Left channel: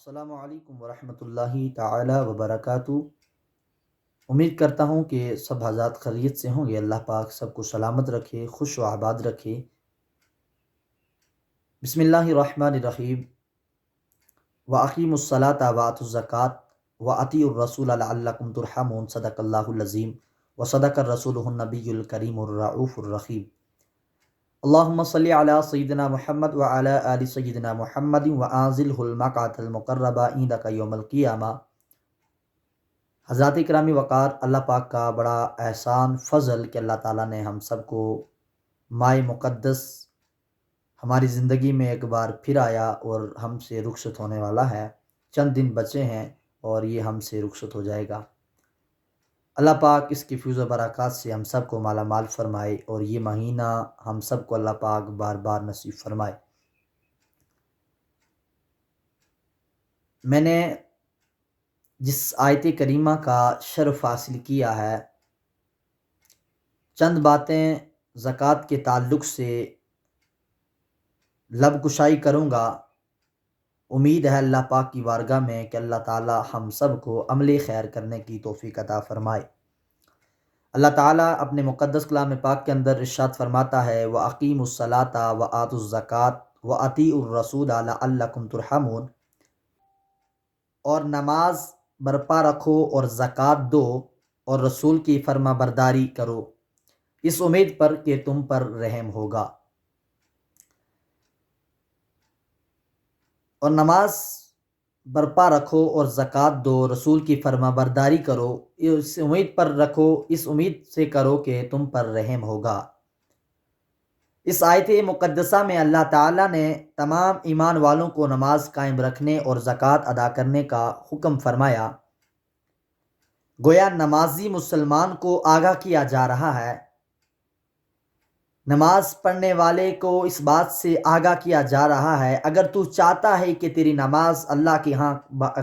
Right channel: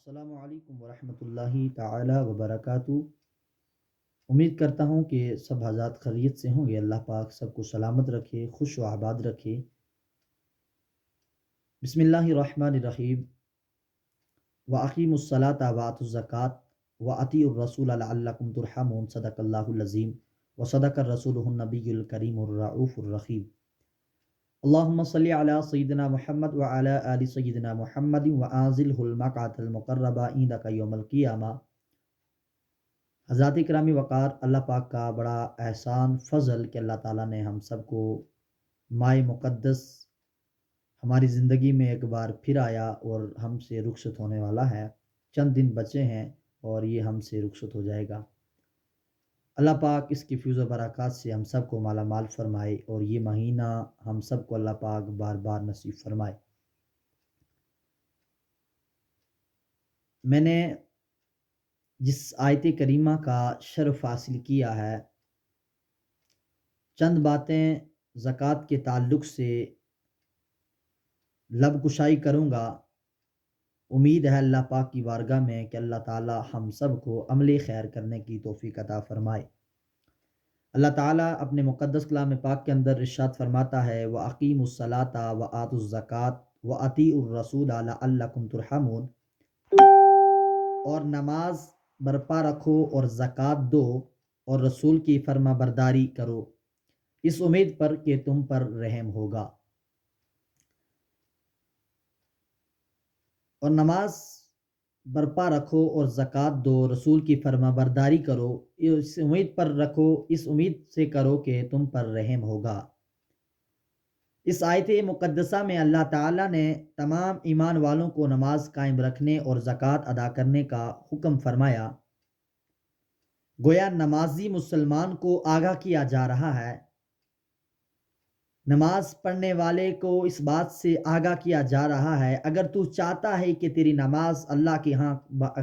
السلام علیکم ورحمۃ اللہ تعالی وبرکاتہ۔ امید کرتا ہوں کہ سب حضرات خیریت سے ہوں گے۔ اللہ پاک سب کو سلامت رکھے، خوش و آباد رکھے۔ بسم اللہ الرحمن الرحیم۔ وَأَقِیمُوا الصَّلَاةَ وَآتُوا الزَّکَاةَ وَأَطِیعُوا الرَّسُولَ لَعَلَّکُمْ تُرْحَمُونَ صدق اللہ العظیم وصدق رسولہ النبی الکریم الرؤوف الرحیم۔ اللہم صلی علی سیدنا محمد وعلی آل سیدنا محمد وانزلہ المقعد المقرب عندک یوم القیامہ۔ حضرات اکرامی وقار، اللہ پاک کا بڑا احسان فضل کہ اللہ تعالیٰ نے ہم سب کو ماہ مقدس ہماری زندگی میں ایک بار پھر آیا اور ہم سے رخصت ہونے والا ہے۔ چند دن بچے ہیں اور یہ ہم سے رخصت ہو جائے گا۔ اللہ پاک اس کی فیض و برکات سے ہم سب کو مالا مال فرمائے اور یہ مہینہ ہم سب کو اللہ پاک بار بار نصیب فرمائے۔ میں نے جس آیت کریمہ کا شرف حاصل کیا ہے، چند باتیں زکوٰۃ کے تعلق سے لب کشائی کروں گا۔ امید ہے اللہ پاک کی بارگاہ میں کہ اللہ تعالی ہم سب کو عمل خیر کرنے کی توفیق عطا فرمائے۔ اللہ تعالیٰ اپنے مقدس کلام پاک کے اندر ارشاد فرماتا ہے وَأَقِیمُوا الصَّلَاةَ وَآتُوا الزَّکَاةَ وَأَطِیعُوا الرَّسُولَ لَعَلَّکُمْ تُرْحَمُونَ، اور نماز برپا رکھو اور زکوٰۃ دو اور رسول کی فرما برداری کرو، اس امید پر کہ تم پر رحم ہوگا۔ اور نماز برپا رکھو اور زکوٰۃ دو، رسول کی فرما برداری کرو، اس امید پر رکھو، اس امید سے کرو کہ تم پر رحم ہوگا۔ اس آیت مقدسہ میں اللہ تعالیٰ نے تمام ایمان والوں کو نماز قائم رکھنے اور زکوٰۃ ادا کرنے کا حکم فرمایا۔ گویا نمازی مسلمان کو آگاہ کیا جا رہا ہے، نماز پڑھنے والے کو اس بات سے آگاہ کیا جا رہا ہے، اگر تو چاہتا ہے کہ تیری نماز اللہ کے ہاں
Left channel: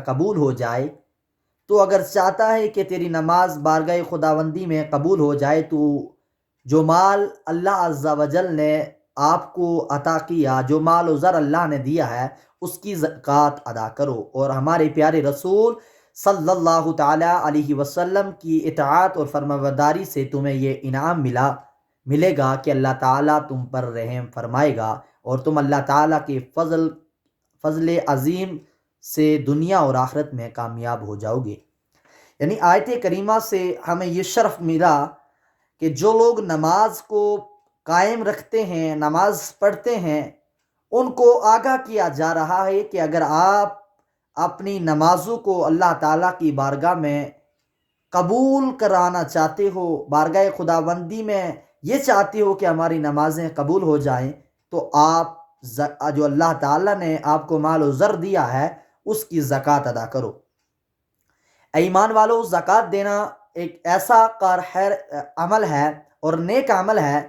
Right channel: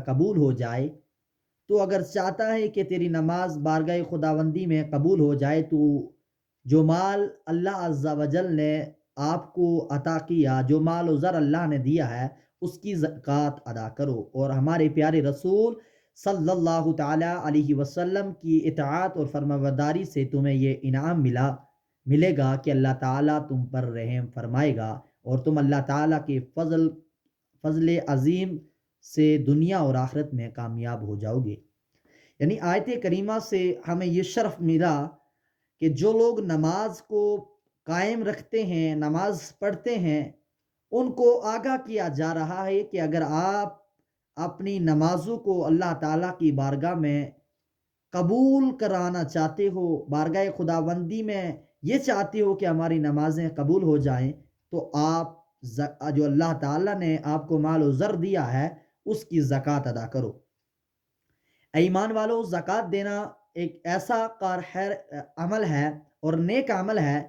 قبول ہو جائے، تو اگر چاہتا ہے کہ تیری نماز بارگاہ خداوندی میں قبول ہو جائے، تو جو مال اللہ عز و جل نے آپ کو عطا کیا، جو مال و زر اللہ نے دیا ہے، اس کی زکوٰۃ ادا کرو۔ اور ہمارے پیارے رسول صلی اللہ تعالیٰ علیہ وسلم کی اطاعت اور فرمانبرداری سے تمہیں یہ انعام ملے گا کہ اللہ تعالیٰ تم پر رحم فرمائے گا اور تم اللہ تعالیٰ کے فضل عظیم سے دنیا اور آخرت میں کامیاب ہو جاؤ گے۔ یعنی آیت کریمہ سے ہمیں یہ شرف ملا کہ جو لوگ نماز کو قائم رکھتے ہیں، نماز پڑھتے ہیں، ان کو آگاہ کیا جا رہا ہے کہ اگر آپ اپنی نمازوں کو اللہ تعالیٰ کی بارگاہ میں قبول کرانا چاہتے ہو، بارگاہ خداوندی میں یہ چاہتے ہو کہ ہماری نمازیں قبول ہو جائیں، تو آپ جو اللہ تعالیٰ نے آپ کو مال و زر دیا ہے، اس کی زکوٰۃ ادا کرو۔ اے ایمان والو، زکوٰۃ دینا ایک ایسا خیر عمل ہے اور نیک عمل ہے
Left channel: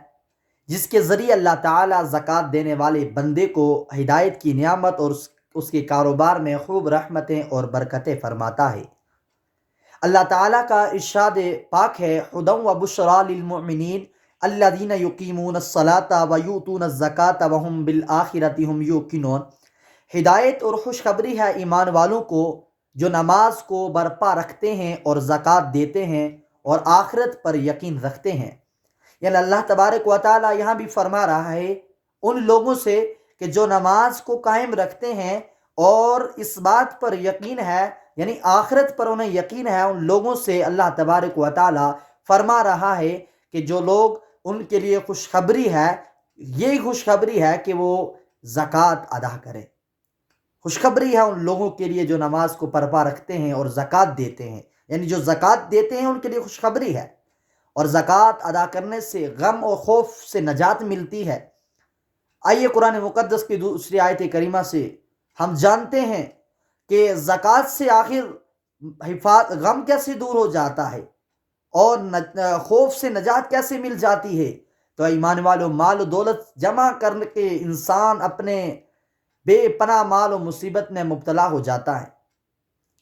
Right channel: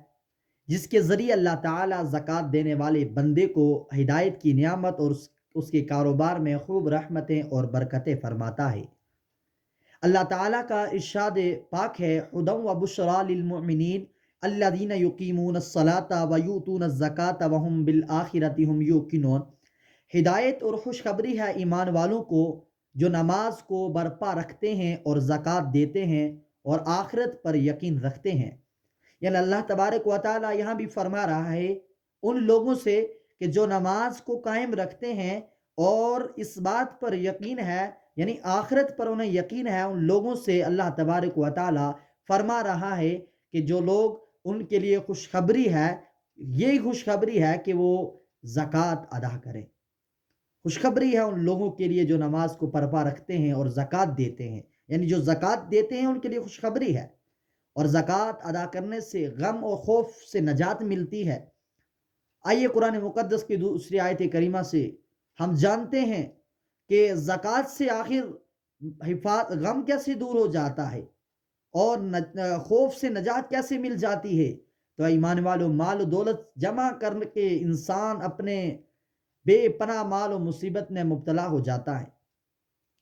جس کے ذریعے اللہ تعالیٰ زکوٰۃ دینے والے بندے کو ہدایت کی نعمت اور اس کے کاروبار میں خوب رحمتیں اور برکتیں فرماتا ہے۔ اللہ تعالیٰ کا ارشاد پاک ہے ہدی و بشریٰ للمؤمنین الذین یقیمون الصلاۃ ویؤتون الزکاۃ وہم بالآخرۃ ہم یوقنون۔ ہدایت اور خوشخبری ہے ایمان والوں کو جو نماز کو برپا رکھتے ہیں اور زکوٰۃ دیتے ہیں اور آخرت پر یقین رکھتے ہیں۔ یعنی اللہ تبارک و تعالیٰ یہاں بھی فرما رہا ہے ان لوگوں سے کہ جو نماز کو قائم رکھتے ہیں اور اس بات پر یقین ہے، یعنی آخرت پر انہیں یقین ہے، ان لوگوں سے اللہ تبارک و تعالیٰ فرما رہا ہے کہ جو لوگ ان کے لیے خوشخبری ہے، یہی خوشخبری ہے کہ وہ زکوٰۃ ادا کریں۔ خوشخبری ہے ان لوگوں کے لیے جو نماز کو برپا رکھتے ہیں اور زکوٰۃ دیتے ہیں، یعنی جو زکوٰۃ دیتے ہیں ان کے لیے خوشخبری ہے، اور زکوٰۃ ادا کرنے سے غم اور خوف سے نجات ملتی ہے۔ آئیے قرآن مقدس کی دوسری آیت کریمہ سے ہم جانتے ہیں کہ زکوٰۃ سے آخر غم کیسے دور ہو جاتا ہے اور خوف سے نجات کیسے مل جاتی ہے۔ تو ایمان والو، مال و دولت جمع کر کے انسان اپنے بے پناہ مال و مصیبت میں مبتلا ہو جاتا ہے،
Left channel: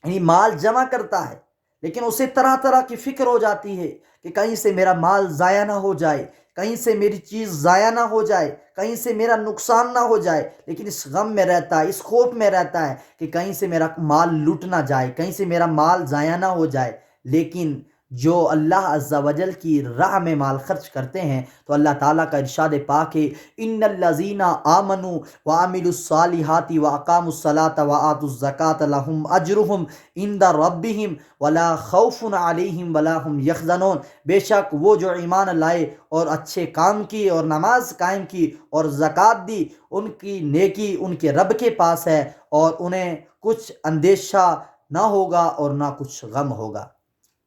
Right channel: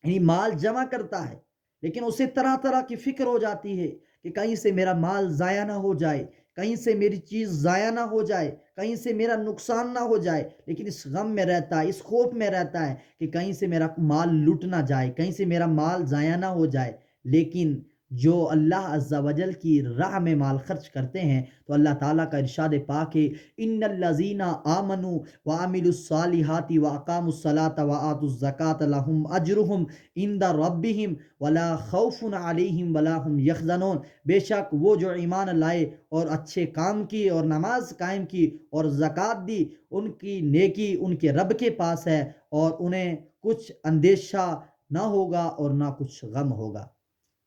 یعنی مال جمع کرتا ہے لیکن اسے طرح طرح کی فکر ہو جاتی ہے کہ کہیں سے میرا مال ضائع نہ ہو جائے، کہیں سے میری چیز ضائع نہ ہو جائے، کہیں سے میرا نقصان نہ ہو جائے، لیکن اس غم میں رہتا ہے، اس خوف میں رہتا ہے کہ کہیں سے میرا مال لٹ نہ جائے، کہیں سے میرا مال ضائع نہ ہو جائے۔ لیکن جو اللہ عز و جل کی راہ میں مال خرچ کرتے ہیں تو اللہ تعالیٰ کا ارشاد پاک ہے، ان الذین آمنوا وعملوا الصالحات واقاموا الصلاة وآتوا الزکاة لهم اجرهم عند ربهم ولا خوف علیہم ولا هم یحزنون۔ بے شک وہ جو ایمان لائے اور اچھے کام کیے اور نماز قائم کی اور زکوٰۃ دی، ان کی نیکی ان کے رب کے پاس ہے اور انہیں کچھ اندیشہ نہ ہوگا اور نہ کچھ غم ہوگا۔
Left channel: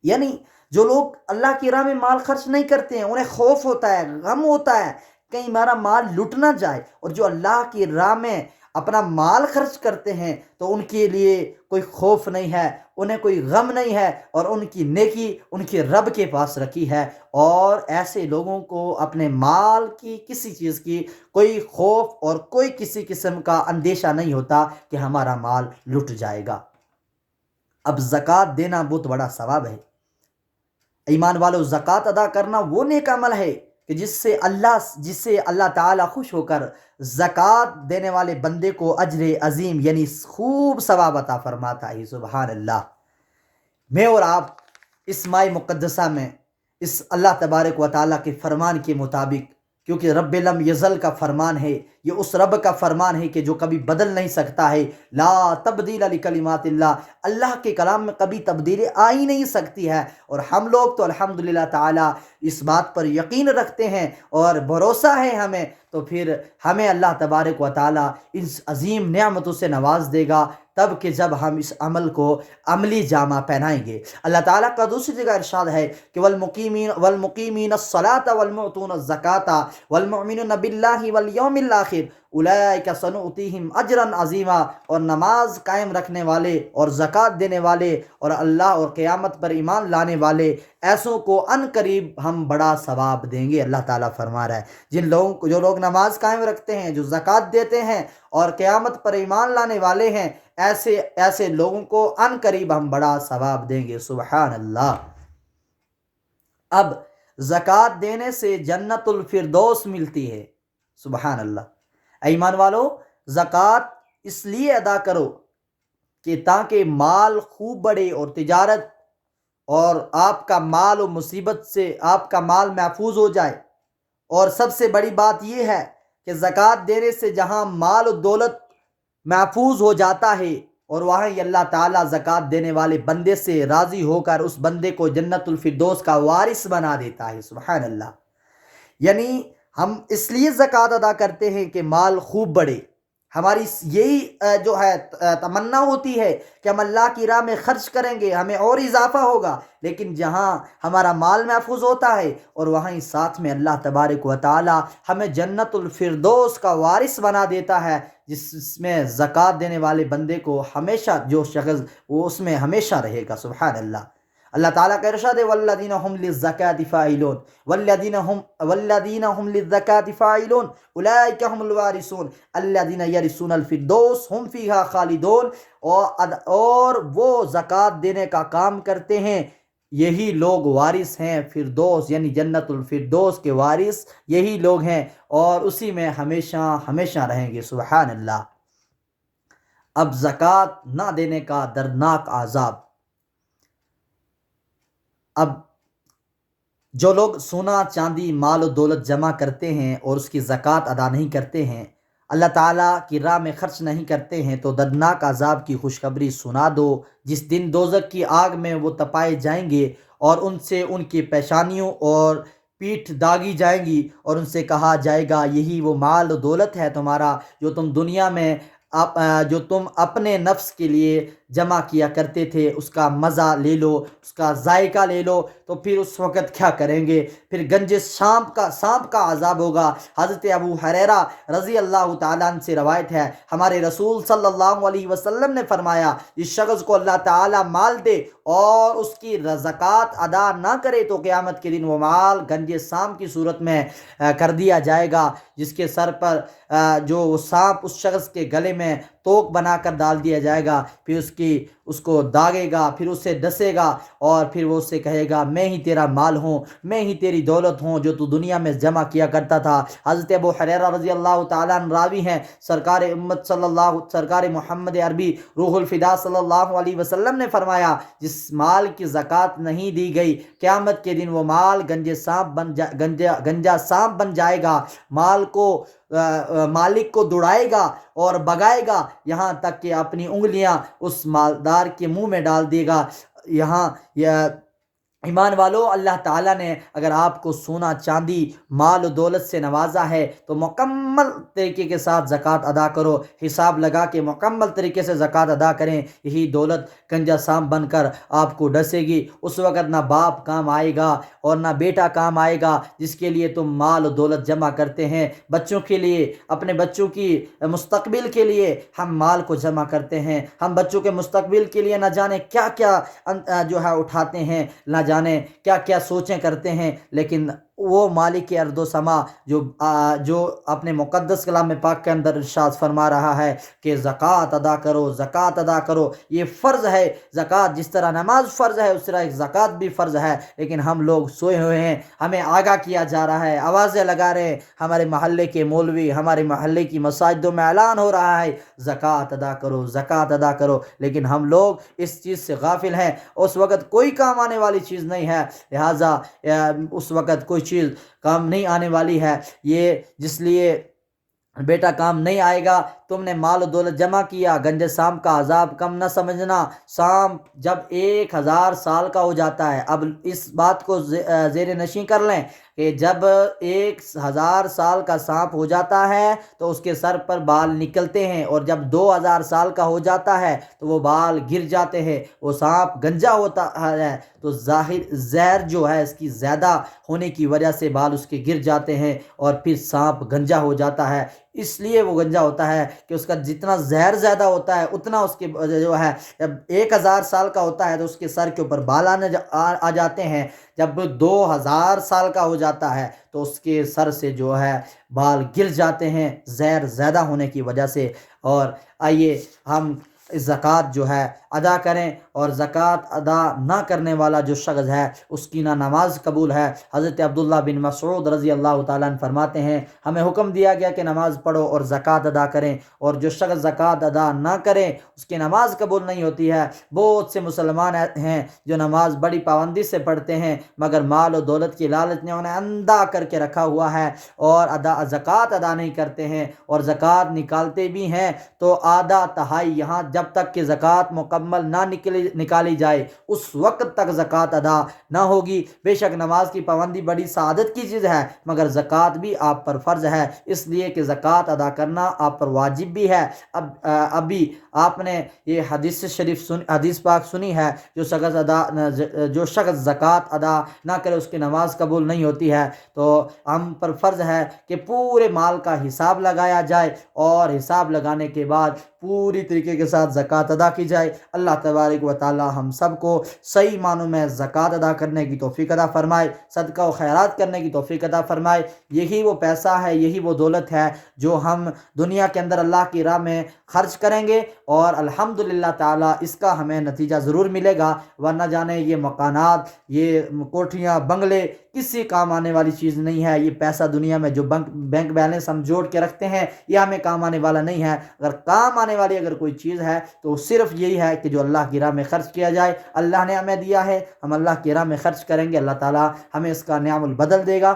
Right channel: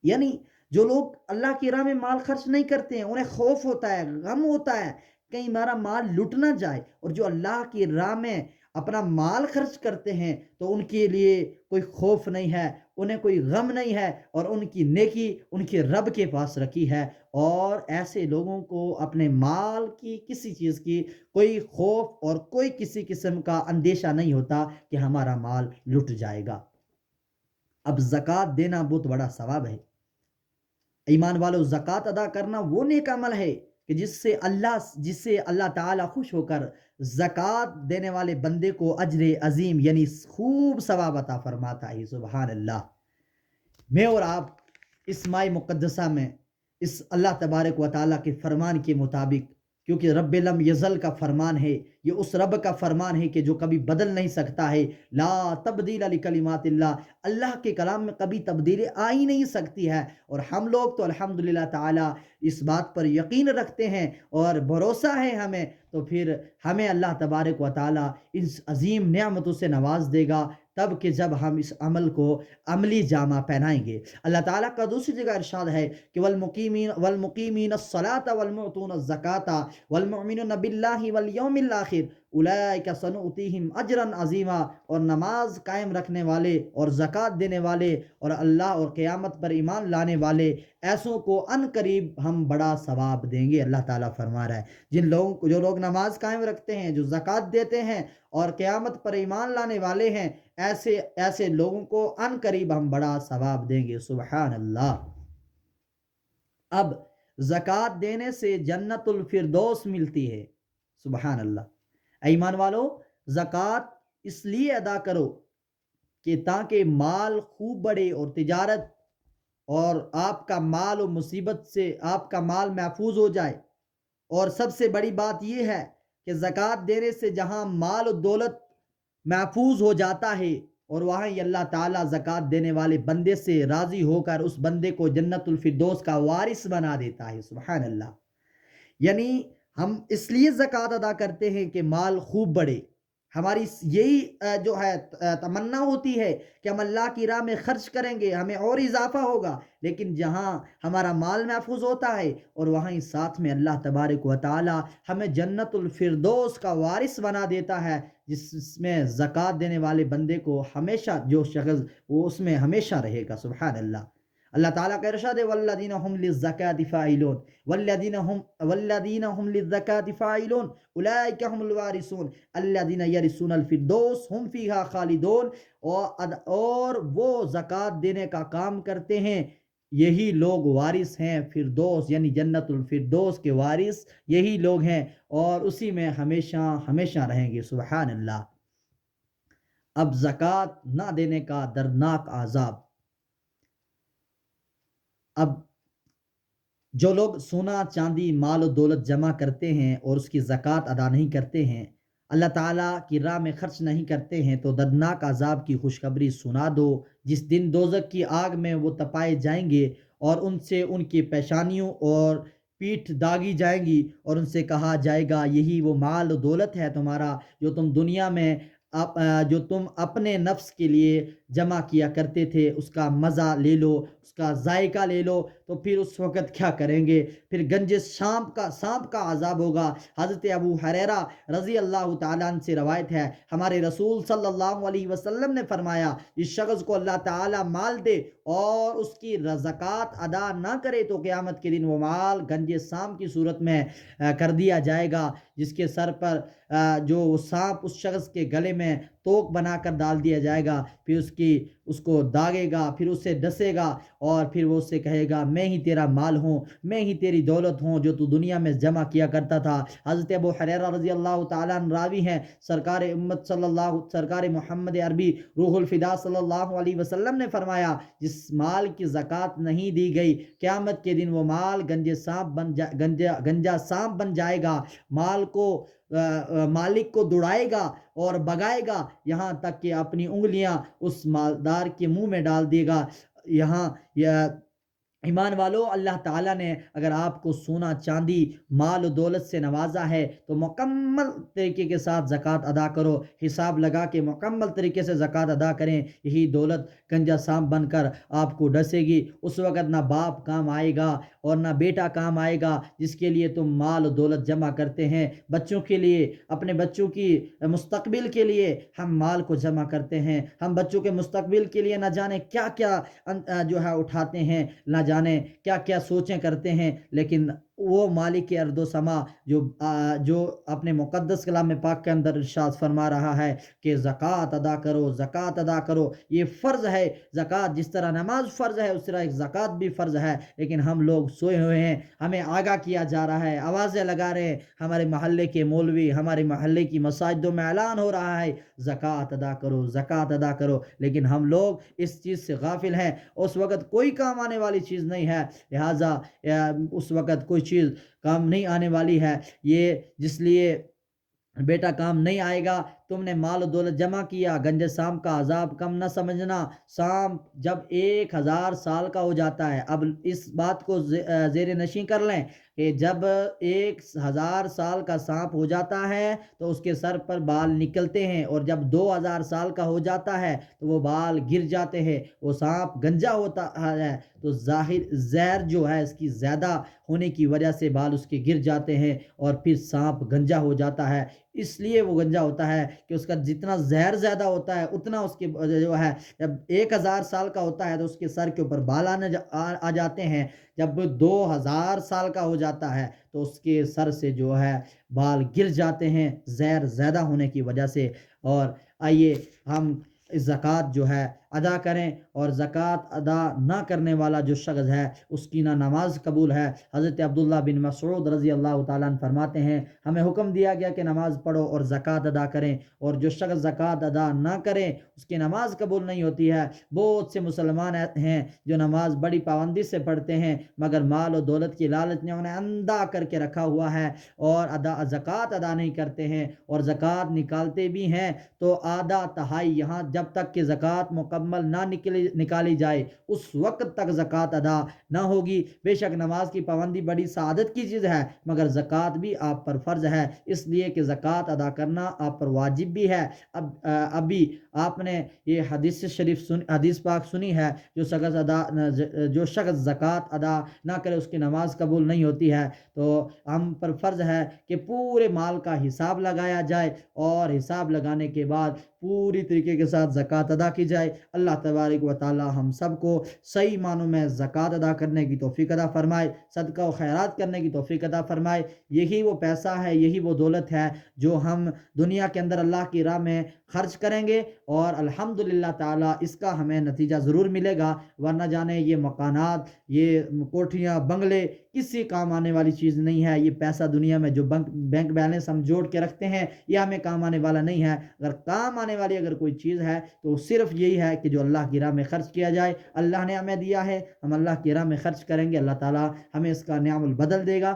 یعنی جو لوگ اللہ کی راہ میں مال خرچ نہیں کرتے ہیں انہیں خوف ہوتا ہے، غم ہوتا ہے کہیں ہمارا مال لٹ نہ جائے، اور جو اللہ کی راہ میں اپنا مال خرچ کرتے ہیں تو ان کے لیے کوئی خوف نہیں ہے، انہیں کوئی غم نہیں ہے، اور ان کی نیکی ان کے رب کے پاس رکھی ہے۔ اور ایسے لوگوں کو اپنے مال کی کسی چیز کی کوئی خوف اور کوئی کسی قسم کا اندیشہ نہیں ہوتا کہ ہمارا مال لٹ جائے گا۔ اب زکوٰۃ دینا بہت بڑا ثواب ہے۔ ایمان والو، زکوٰۃ ادا کرنا وہ نیک عمل ہے کہ جس سے اللہ تعالیٰ خوش ہو کر زکوٰۃ دینے والے بندے کو اجر عظیم یعنی خوب ثواب عطا فرماتا ہے۔ سبحان اللہ۔ میں اور آپ اس ماہ مقدسہ میں اس اللہ تبارک و تعالیٰ کے فرمان کے مطابق، کیونکہ رب لم یزل کا فرمان ہے، یہ اس رب کا فرمان ہے کہ جو کبھی بدل نہیں سکتا ہے، لا تبدیل لکلمات اللہ، اللہ کے کلام میں کبھی تبدیلی آ ہی نہیں سکتی ہے۔ اور ہم لوگ تو الحمدللہ تعالیٰ اس بات پر یقین رکھتے ہیں اور بھروسہ ہے ہمیں، تو پھر ہمیں اللہ تبارک و تعالیٰ اس عظیم نعمتوں سے نواز دے گا تب کہ جب ہم اس عمل کو عملی جامہ پہنائیں گے۔ اللہ تعالیٰ کا دوسری جگہ ارشاد ہے کہ والمقیمین الصلاۃ والمعطون الزکاۃ والمؤمنون باللہ والیوم الآخر اولئک سنؤتیہم اجرا عظیما، اور نماز قائم رکھنے والے اور زکوٰۃ دینے والے اور اللہ اور قیامت پر ایمان لانے والے ایسوں کو ان قریب ہم بڑا ثواب دیں گے۔ اللہ تعالیٰ فرما رہا ہے جو لوگ نماز قائم رکھتے ہیں، جو زکوٰۃ دیتے ہیں اور قیامت پر ایمان لانے والے ہیں، ایسے لوگوں کو ان قریب ہم بڑا ثواب دیں گے۔ سبحان اللہ۔ اب زکوٰۃ دینے سے جنت الفردوس ملتی ہے۔ سبحان اللہ۔ ایمان والو، زکوٰۃ اس لیے ادا کرو کہ تاکہ مال خوب بڑھے اور تجارت اور آپ کا مال و مصیبت سے آپ کا مال محفوظ ہو جائے۔ اور سب سے بڑی بات یہ ہے کہ زکوٰۃ دینے سے جہاں مال و دولت محفوظ ہو جاتا ہے اور وہاں ہی اللہ تعالیٰ زکوٰۃ دینے والے بندے سے راضی ہو کر اس بندے کو جنت الفردوس کا وارث بنا دیتا ہے۔ سبحان اللہ۔ یعنی ہم اس لیے زکوٰۃ ادا کرتے ہیں کہ مال خوب بڑھے، ہماری یہی جو ہے تمنا ہوتی ہے کہ ہم اللہ کی راہ میں خرچ کریں گے، ہمیں اور اضافہ ہوگا، لیکن جہاں ہمارا مال محفوظ ہوتا ہے اور وہاں ہی ساتھ میں اللہ تبارک و تعالی ہمیں جنت الفردوس کا وارث بنا دیتا ہے، جس میں زکوٰۃ دینے والے بندے کو ہمیشہ جو شخص وہ اس میں ہمیشہ رہے گا۔ سبحان اللہ۔ اللہ تعالیٰ کا ارشاد ہے والذین هم للزکاۃ فاعلون والذین هم للزکاۃ فاعلون اولئک هم الوارثون الذین یرثون الفردوس هم فیہا خالدون، اور وہ زکوٰۃ دینے کا کام کرتے ہیں، یہی لوگ وارث ہیں فردوس یعنی جنت الفردوس کے وارث یہی لوگ ہیں اور اسی میں ہمیشہ ہمیشہ رہیں گے۔ سبحان اللہ۔ اب زکوٰۃ نہ دینے کا دردناک عذاب۔ اب جو لوگ سونا چاندی مال و دولت جمع کرتے ہیں اور اس کی زکوٰۃ ادا نہیں کرتے ہیں، اللہ تعالیٰ کی راہ میں خرچ نہیں کرتے ہیں، تو دردناک عذاب کی خوشخبری سنا دو، جس دن دوزخ کی آگ میں وہ تپائے جائیں گے اور ان سے ان کی پیشانیوں اور پیٹھ داغی جائیں گی، اور ان سے کہا جائے گا یہی وہ مال و دولت ہے تمہارا جو تم دنیا میں جو تم اپنے نفس کے لیے جمع کیا کرتے تھے، اس کا مزہ لے لو، اس کا ذائقہ لے لو، تو پھر اس وقت کیا کریں گے؟ پھر گنج سانپ کا عذاب ہوگا۔ حضرت ابو ہریرہ رضی اللہ تعالیٰ عنہ سے روایت ہے، ہمارے رسول صلی اللہ علیہ وسلم نے فرمایا، جس شخص کو اللہ تعالیٰ مال دے اور اس کی زکوٰۃ ادا نہ کرے تو قیامت کے دن وہ مال گنج سانپ کی صورت میں کر دیا جائے گا، جس کے سر پر جو سانپ اس شخص کے گلے میں توق بنا کر ڈال دیا جائے گا، پھر اس کو داغے گا، پھر اس سے ڈسے گا، اور پھر وہ اس سے کہے گا میں ہی تیرا مال ہوں، میں ہی تیری دولت ہوں جو تو دنیا میں جمع کیا کرتا تھا۔ حضرت ابو حریرہ رضی اللہ تعالیٰ عنہ راوی ہیں، سرکار محمد عربی روح الفدا صلی اللہ علیہ وسلم نے فرمایا جس مال کی زکوٰۃ نہیں دی گئی قیامت کے دن وہ مال گنجا سانپ بن جائے گا، مال کو مالک کو دوڑائے گا اور بگائے گا، یہاں تک کہ اپنی انگلیاں اس مالدار کے منہ میں ڈال دے گا۔ یہاں ایمان والو، اللہ تعالیٰ نے اگر آپ کو سونا چاندی مال و دولت سے نوازا ہے تو مکمل طریقے کے ساتھ زکوٰۃ ادا کرو، حساب لگا کے مکمل طریقے سے زکوٰۃ ادا کریں، یہی دولت گنجا سانپ بن کر آپ کو ڈسے گی۔ اس وقت نہ باپ کام آئے گا اور نہ بیٹا کام آئے گا جس کے لیے تم مال و دولت جمع کرتے ہیں، بچوں کے لیے، اپنے بچوں کی مستقبل کے لیے ہم مال کو جمع کرتے ہیں، ہم بچوں کے مستقبل کے لیے نہ جانے کیا کیا جو ہے اٹھاتے ہیں، نہ جانے کیا کیا سوچیں کرتے ہیں، لیکن وہ مالک ارض و سما جو اپنے مقدس کلام پاک کے اندر ارشاد فرما رہا ہے کہ زکوٰۃ ادا کرو، زکوٰۃ ادا کرو، یہ فرض ہے۔ زکوٰۃ جس طرح نماز فرض ہے اس طرح ایک زکوٰۃ بھی فرض ہے، لیکن ہم لوگ سوئے ہوئے ہیں، ہمیں آگاہ کیا جا رہا ہے، آوازیں لگا رہے ہیں، ہمارے محلے کے مولوی، ہمارے محلے کی مساجدوں میں اعلان ہو رہا ہے زکوٰۃ ادا کرو، زکوٰۃ ادا کرو، لیکن ہم لوگ اس چیز سے غافل ہیں۔ اس وقت کوئی کام آنے والی چیز نہیں ہے، لہٰذا اس وقت کوئی چیز کام نہیں آنے والی ہے، یہ جس لیے بیٹا کام نہیں آئے گا۔ تم نے مال و دولت جمع کیا، گنجے سانپ کا عذاب کم نہ سمجھنا۔ سانپ جب 1000 سال کا ہو جاتا ہے، اب اس بات کو زیر نشیں کر لیں کہ جب 1000 سال کا سانپ ہو جاتا ہے تو اس کے سر پر بال نکلتے ہیں، اور جب 2000 سال کا ہو جاتا ہے تو وہ بال گر جاتے ہیں، وہ سانپ گنجا ہوتا ہے تو زہر جو ہے اس کی زیادہ ہونے کی وجہ سے بال اس کے گر جاتے ہیں، اور پھر سانپ گنجا ہو جاتا ہے۔ اس لیے وہ گنجا ہوتا ہے کہ اس کا جتنا زہر زیادہ ہوتا ہے اتنا اس کے جو ہے، جب 1000 سال کا ہوتا ہے تو اس کے سر کے اوپر بال آ جاتے ہیں، جب 2000 سال کا ہو جاتا ہے تو اس کے سر سے جو ہے بال گر جاتے ہیں زہر زیادہ ہونے کی وجہ سے۔ اور آئیے ہم زکوٰۃ جو ہے ادا کریں، اور زکوٰۃ ادا نہ کرنے والا جو شخص ہے اس کی نہ نماز قبول ہے۔ حضرت عبداللہ بن مسعود رضی اللہ تعالیٰ عنہ فرماتے ہیں ہمیں حکم دیا گیا کہ نماز پڑھو اور زکوٰۃ ادا کریں، اور جو شخص زکوٰۃ ادا نہ کرے اس کی نماز قبول نہیں ہوتی ہے۔ بہت سے مسلمان ہیں جو نماز بڑی پابندی سے پڑھتے ہیں، مگر مال و دولت کی لالچ نے انہیں اندھا کر کے رکھا ہوا ہے، اور زکوٰۃ ادا نہیں کرتے ہیں، اور زکوٰۃ نکالتے بھی ہیں تو آدھا تہائی، یہاں جب تک کہ زکوٰۃ مکمل نہ نکالی جائے اس وقت تک زکوٰۃ ادا نہ ہوگی۔ بے شک نماز کی پابندی بڑی سعادت کی چیز ہے، مگر زکوٰۃ بھی آپ پر فرض ہے، اس لیے کہ زکوٰۃ ادا کرنا آپ پر واجب بھی ہے۔ ابھی آپ نے یہ حدیث پاک سنی ہے، جو شخص زکوٰۃ ادا نہ کرے اس کی نماز قبول نہیں ہوتی ہے، تو ہم پر فرض ہے کہ پورے مال کا حساب لگایا جائے، اور حساب لگانے کے بعد پوری طریقے کے ساتھ زکوٰۃ ادا کی جائے۔ اللہ تبارک و تعالی ہم سب کو صحیح معنوں میں زکوٰۃ ادا کرنے کی توفیق عطا فرمائے، صدقہ و خیرات کرنے کی توفیق عطا فرمائے۔ یہی وہ پیسہ ہے، یہی وہ دولت ہے جو ہم دنیا کے اندر اللہ کی راہ میں خرچ کریں گے، اور الحمدللہ تعالی اس کا ہمیں نتیجہ ضرور ملے گا، ورنہ جانے یہ مکانات، یہ کوٹھیاں، بنگلے کسی کام آنے والی چیز نہیں ہے۔ یہ پیسہ دنیا میں جو بینک بیلنس ہم جوڑ کے رکھتے ہیں یہ ہمیں کام آنے والا نہیں ہے۔ اگر کام آنے والی اگر کوئی چیز ہے تو صرف یہی ہے کہ جو اللہ کی راہ میں خرچ کیا جائے۔ اللہ نے ہمیں دیا ہے، ہم اللہ کی راہ میں خرچ کریں گے، اللہ تعالی ہمیں اس کا نعم البدل دے گا۔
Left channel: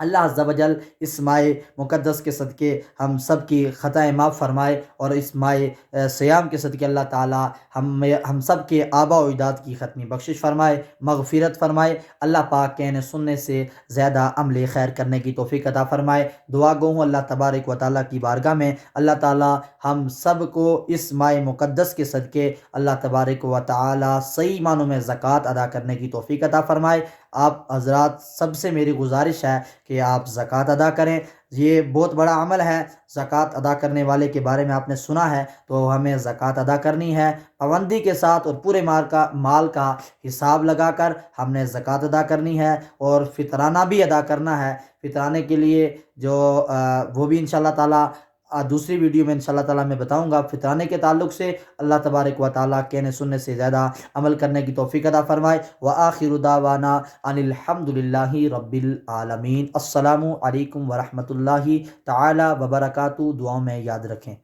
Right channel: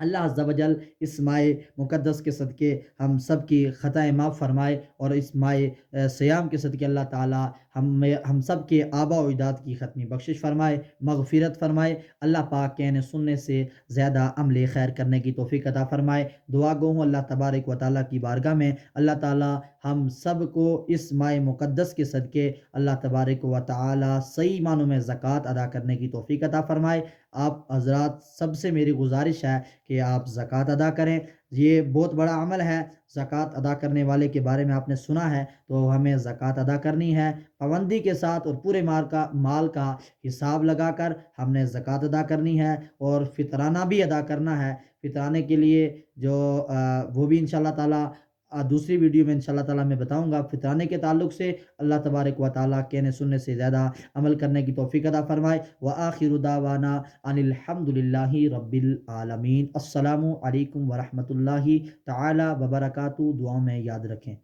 اللہ عز و جل اس ماہ مقدس کے صدقے ہم سب کی خطائیں معاف فرمائے، اور اس ماہ سیام کے صدقے اللہ تعالی ہم سب کے آباء و اجداد کی ختمی بخشش فرمائے، مغفرت فرمائے۔ اللہ پاک کہنے سننے سے زیادہ عمل خیر کرنے کی توفیق عطا فرمائے۔ دعا گو ہوں اللہ تبارک و تعالیٰ کی بارگاہ میں اللہ تعالی ہم سب کو اس ماہ مقدس کے صدقے اللہ تبارک و تعالی صحیح معنوں میں زکوٰۃ ادا کرنے کی توفیق عطا فرمائے۔ آپ حضرات سب سے میری گزارش ہے کہ آپ زکوٰۃ ادا کریں، یہ بہت بڑا عمل ہے۔ زکوٰۃ ادا کرنے والے کے بارے میں آپ نے سنا ہے، تو ہمیں زکوٰۃ ادا کرنی ہے پابندی کے ساتھ، اور پورے مال کا حساب لگا کر ہم نے زکوٰۃ ادا کرنی ہے، اور فطرانہ بھی ادا کرنا ہے۔ فطرانے کے لیے جو وہ بھی انشاءاللہ تعالی دوسری ویڈیو میں انشاءاللہ تعالیٰ میں بتاؤں گا فطرانے کے تعلق سے۔ اللہ تبارک و تعالیٰ کہنے سننے سے زیادہ عمل کرنے کی توفیق عطا فرمائے۔ وآخر دعوانا ان الحمد للہ رب العالمین۔ السلام علیکم ورحمۃ اللہ تعالیٰ وبرکاتہ۔ دعاؤں میں یاد رکھیں۔